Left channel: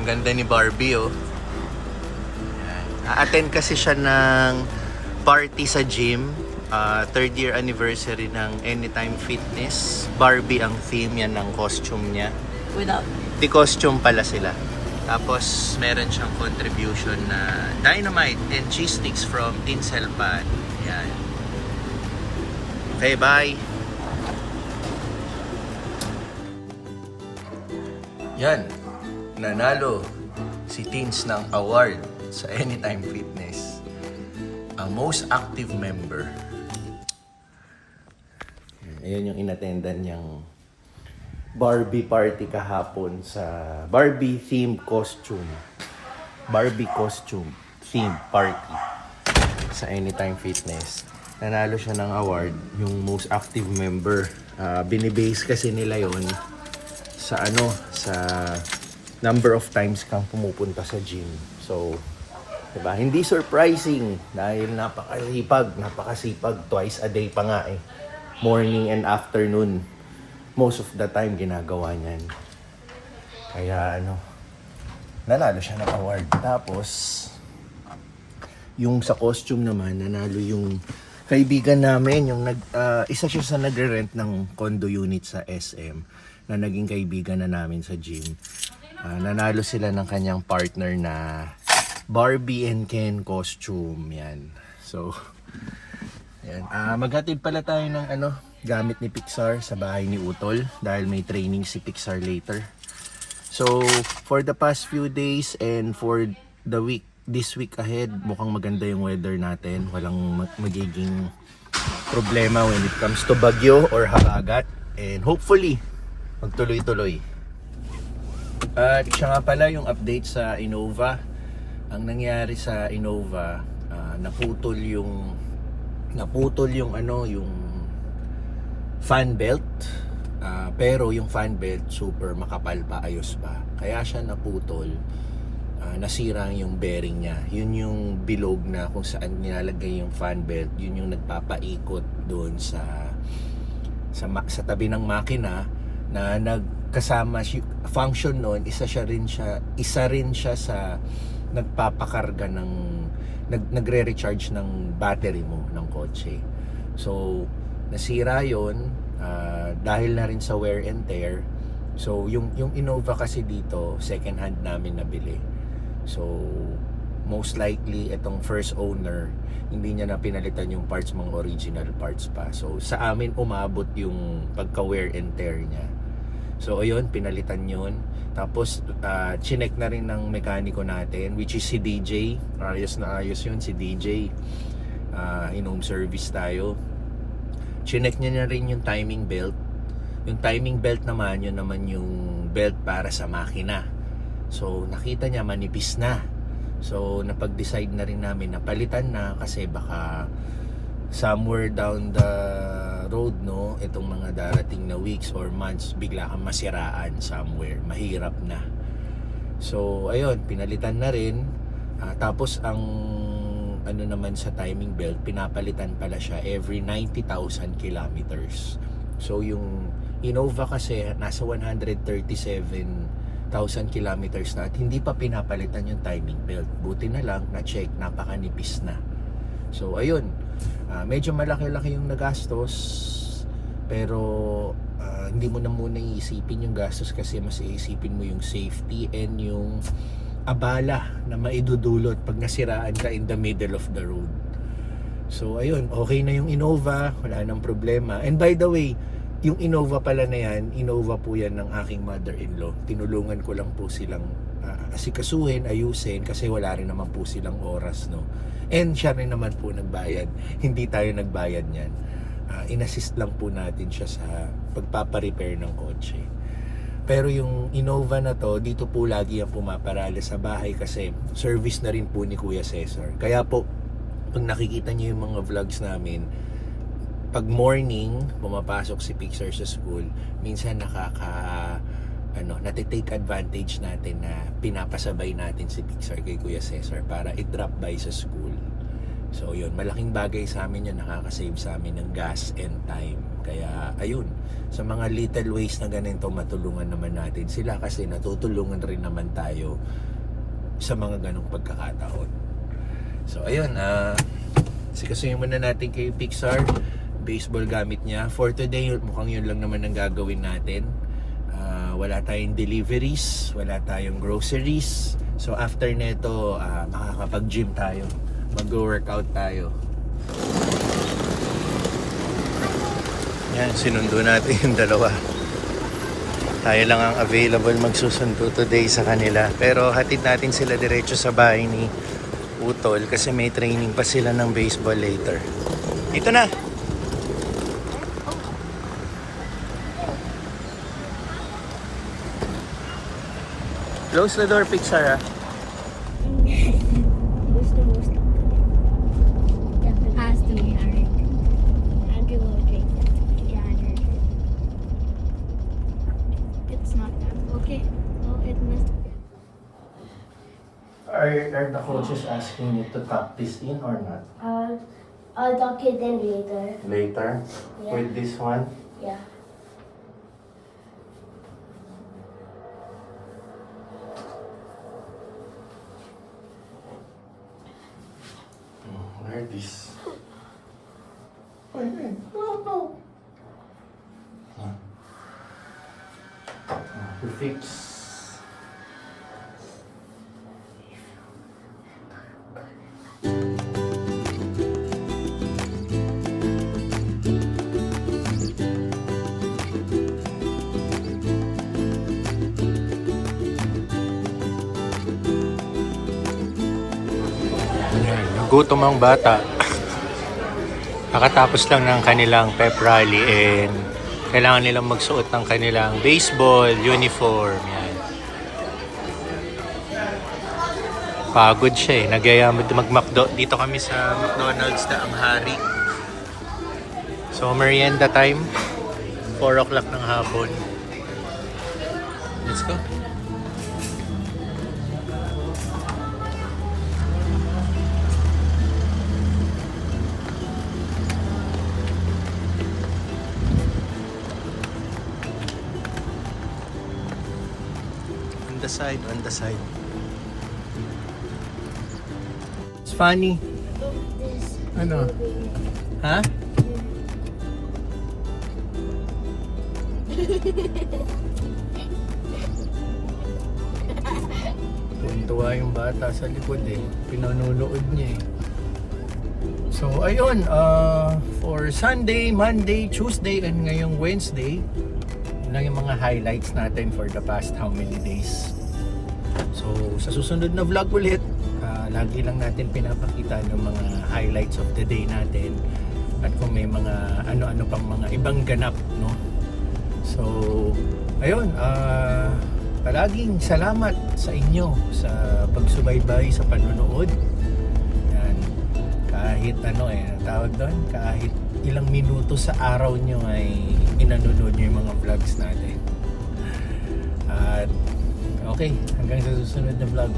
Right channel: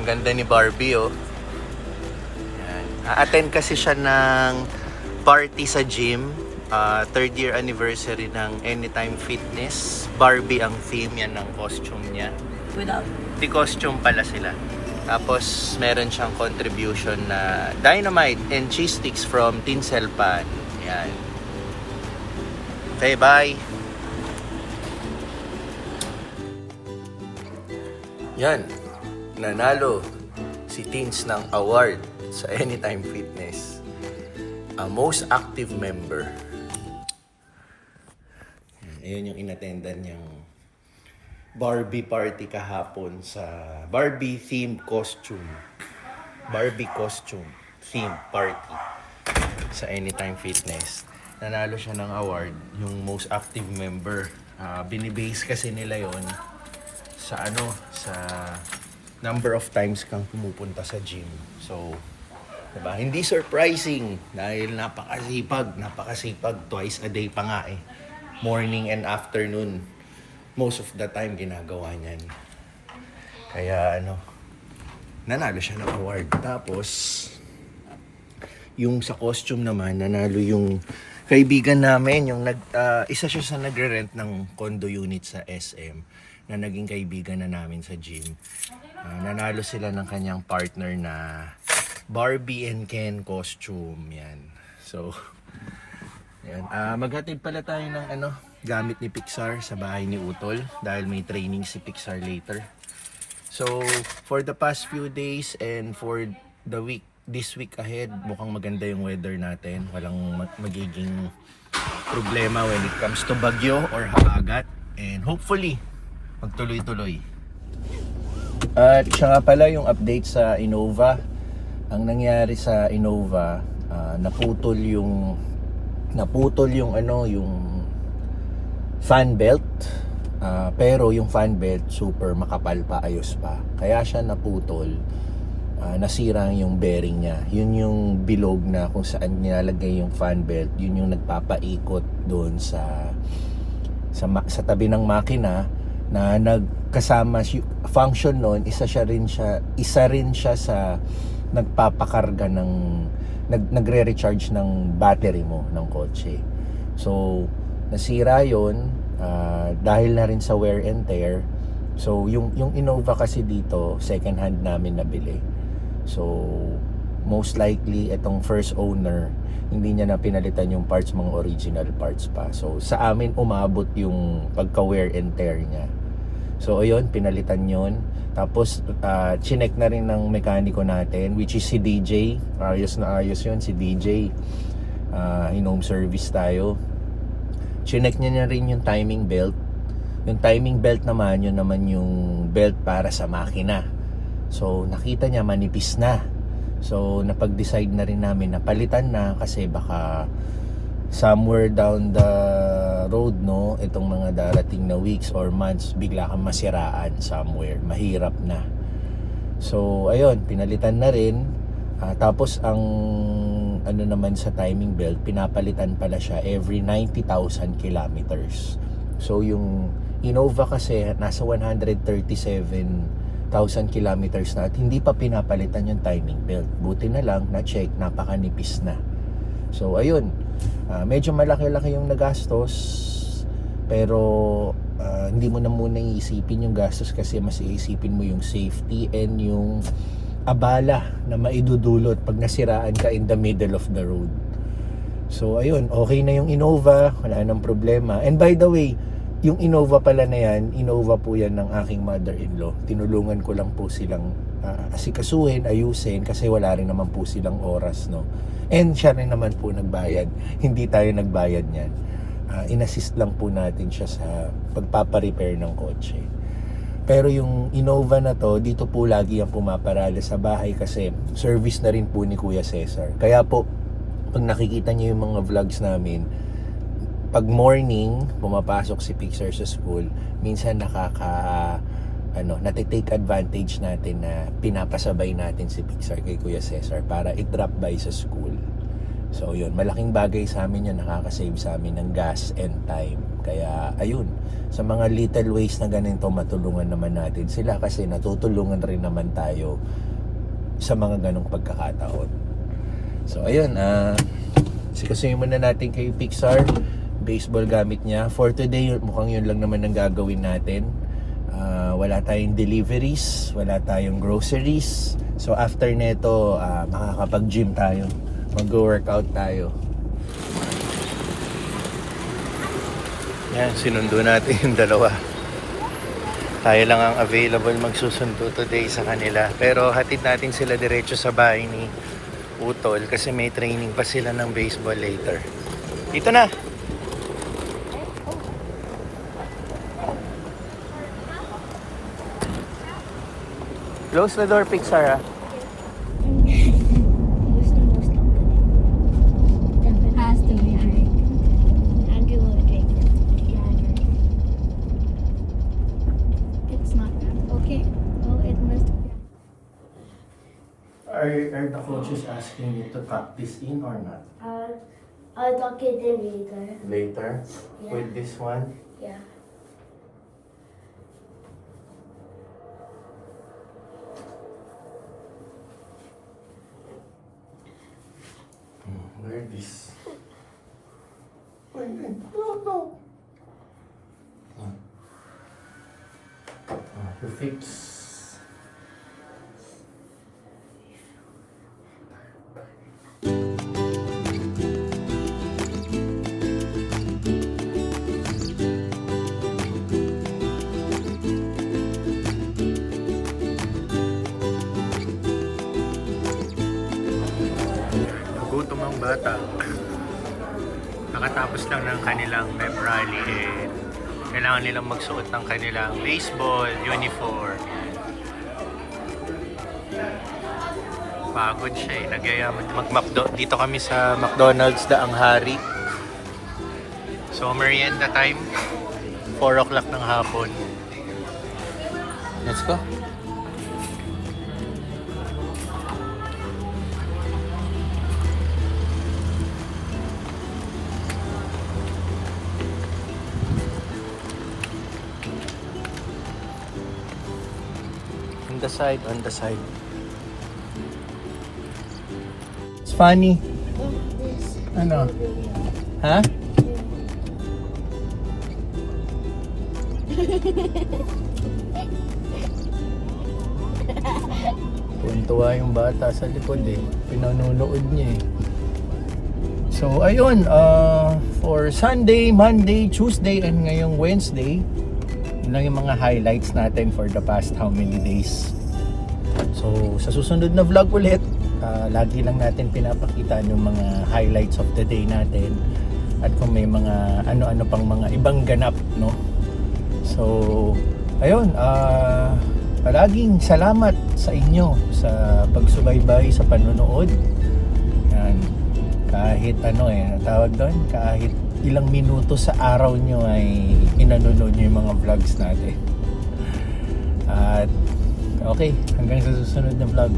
Ang ganda ni Barbie, oh. Yan. A-attend kasi siya ng party sa gym. Third year anniversary ng Anytime Fitness. Barbie ang theme, yan ang costume niya. Without. Di costume pala sila. Tapos meron siyang contribution na dynamite and cheese sticks from Tinsel Pan. Yan. Okay, bye! Yan. Nanalo si Tins ng award sa Anytime Fitness. Most active member. Ayan yung inattendan niyang Barbie party kahapon sa Barbie themed costume. Barbie costume themed party sa Anytime Fitness. Nanalo siya ng award, yung most active member. Binibase kasi nila yon sa sa number of times kang pumupunta sa gym. So, diba? Hindi surprising dahil napakasipag twice a day pa nga eh. Morning and afternoon. Most of the time ginagawa niyan. Kaya nanalo siya ng award. Tapos yung sa costume naman, nanalo yung kaibigan namin, yung isa siya sa nagre-rent ng condo unit sa SM na naging kaibigan na namin sa gym. Nanalo sila ng kanyang partner na Barbie and Ken costume. Yan. So, yan. Maghatid pala tayo ng gamit ni Pixar sa bahay ni Utol dahil may training si Pixar later. So, for the past few days and for the week, this week ahead, mukhang maganda yung weather natin. Walang magiging problema when it comes to bagyo or habagat. And hopefully, magtuloy-tuloy. At siya nga pala yung update sa Innova. Ang nangyari sa Innova, naputol yung fan belt. Pero yung fan belt super makapal pa, ayos pa. Kaya siya naputol. Nasira yung bearing niya. Yun yung bilog na kung saan nilalagay yung fan belt. Yun yung nagpapaikot doon sa tabi ng makina na nagkasama function noon. Isa rin siya sa nagpapakarga ng nagre-recharge ng battery mo ng kotse. So nasira yon dahil na rin sa wear and tear. So yung Innova kasi dito second hand namin nabili. So most likely itong first owner hindi niya na pinalitan yung parts, mga original parts pa. So sa amin umabot yung pagka wear and tear niya. So ayun, pinalitan yon. Tapos chinek na rin ng mekaniko natin, which is si DJ. Ayos na ayos yun, si DJ. In-home service tayo. Chinek niya na rin yung timing belt. Yung timing belt naman, yun naman yung belt para sa makina. So nakita niya manipis na. So napag-decide na rin namin na palitan na kasi baka somewhere down the road, itong mga darating na weeks or months, bigla kang masiraan somewhere, mahirap na. So ayun, pinalitan na rin. Tapos ang naman sa timing belt, pinapalitan pala siya every 90,000 kilometers. So yung Innova kasi nasa 137,000 kilometers na at hindi pa pinapalitan yung timing belt. Buti na lang na-check, napakanipis na. So ayun, medyo malaki-laki yung nagastos, pero hindi mo na muna iisipin yung gastos kasi mas iisipin mo yung safety and yung abala na maidudulot pag nasiraan ka in the middle of the road. So ayun, okay na yung Innova, wala nang problema. And by the way, yung Innova pala na yan, Innova po yan ng aking mother-in-law. Tinulungan ko lang po silang asikasuhin, ayusin kasi wala rin naman po silang oras, And siya rin naman po nagbayad. Hindi tayo nagbayad niyan. In-assist lang po natin siya sa pagpaparepair ng kotse. Pero yung Innova na to, dito po lagi ang pumaparada sa bahay kasi service na rin po ni Kuya Cesar. Kaya po, pag nakikita niyo yung mga vlogs namin, pag morning, pumapasok si Pixar sa school, minsan natitake advantage natin na pinapasabay natin si Pixar kay Kuya Cesar para i-drop by sa school. So yun, malaking bagay sa amin yun, nakakasave sa amin ng gas and time. Kaya ayun, sa mga little ways na ganito, matulungan naman natin sila kasi natutulungan rin naman tayo sa mga ganong pagkakataon. So ayun, sikasuhin muna natin kay Pixar. Baseball gamit niya. For today, mukhang yun lang naman ang gagawin natin. Wala tayong deliveries, wala tayong groceries. So after neto, makakapag-gym tayo. Mag-workout tayo. Yan, sinundo natin yung dalawa. Tayo lang ang available magsusundo today sa kanila. Pero hatid natin sila diretso sa bahay ni Utol kasi may training pa sila ng baseball later. Dito na! Close the door, Pixar, ha? Gusto lang ko din. Definitely. Has to be hard. Andrew will drink it. Yeah. It's not that. Okay. Oh, it must be. Are the coaches asking you to tuck this in or not? I'll talk it in later. Later? Yeah. With this one? Yeah. Where this? No. To fix. Gutom ang bata. Nakatapos lang ng kanilang pep rally and kailangan nilang magsuot ng kanilang baseball uniform. Yan. Pagod siya eh. Nagyaya dito kami sa McDonald's Daang Hari. So merienda time. 4 o'clock ng hapon. Let's go. On the side. It's funny. Ano? Ha? Tuntua yung bata sa likod eh. Pinanunood niya eh. So ayun, for Sunday, Monday, Tuesday, and ngayong Wednesday, yun lang yung mga highlights natin for the past how many days. So sa susunod na vlog ulit, lagi lang natin pinapakita yung mga highlights of the day natin at kung may mga ano-ano pang mga ibang ganap, no? So ayun, palaging salamat sa inyo sa pagsubaybay, sa panonood. Yan. Kahit tawag doon, kahit ilang minuto sa araw nyo ay pinanonood nyo yung mga vlogs natin. At okay, hanggang sa susunod na vlog.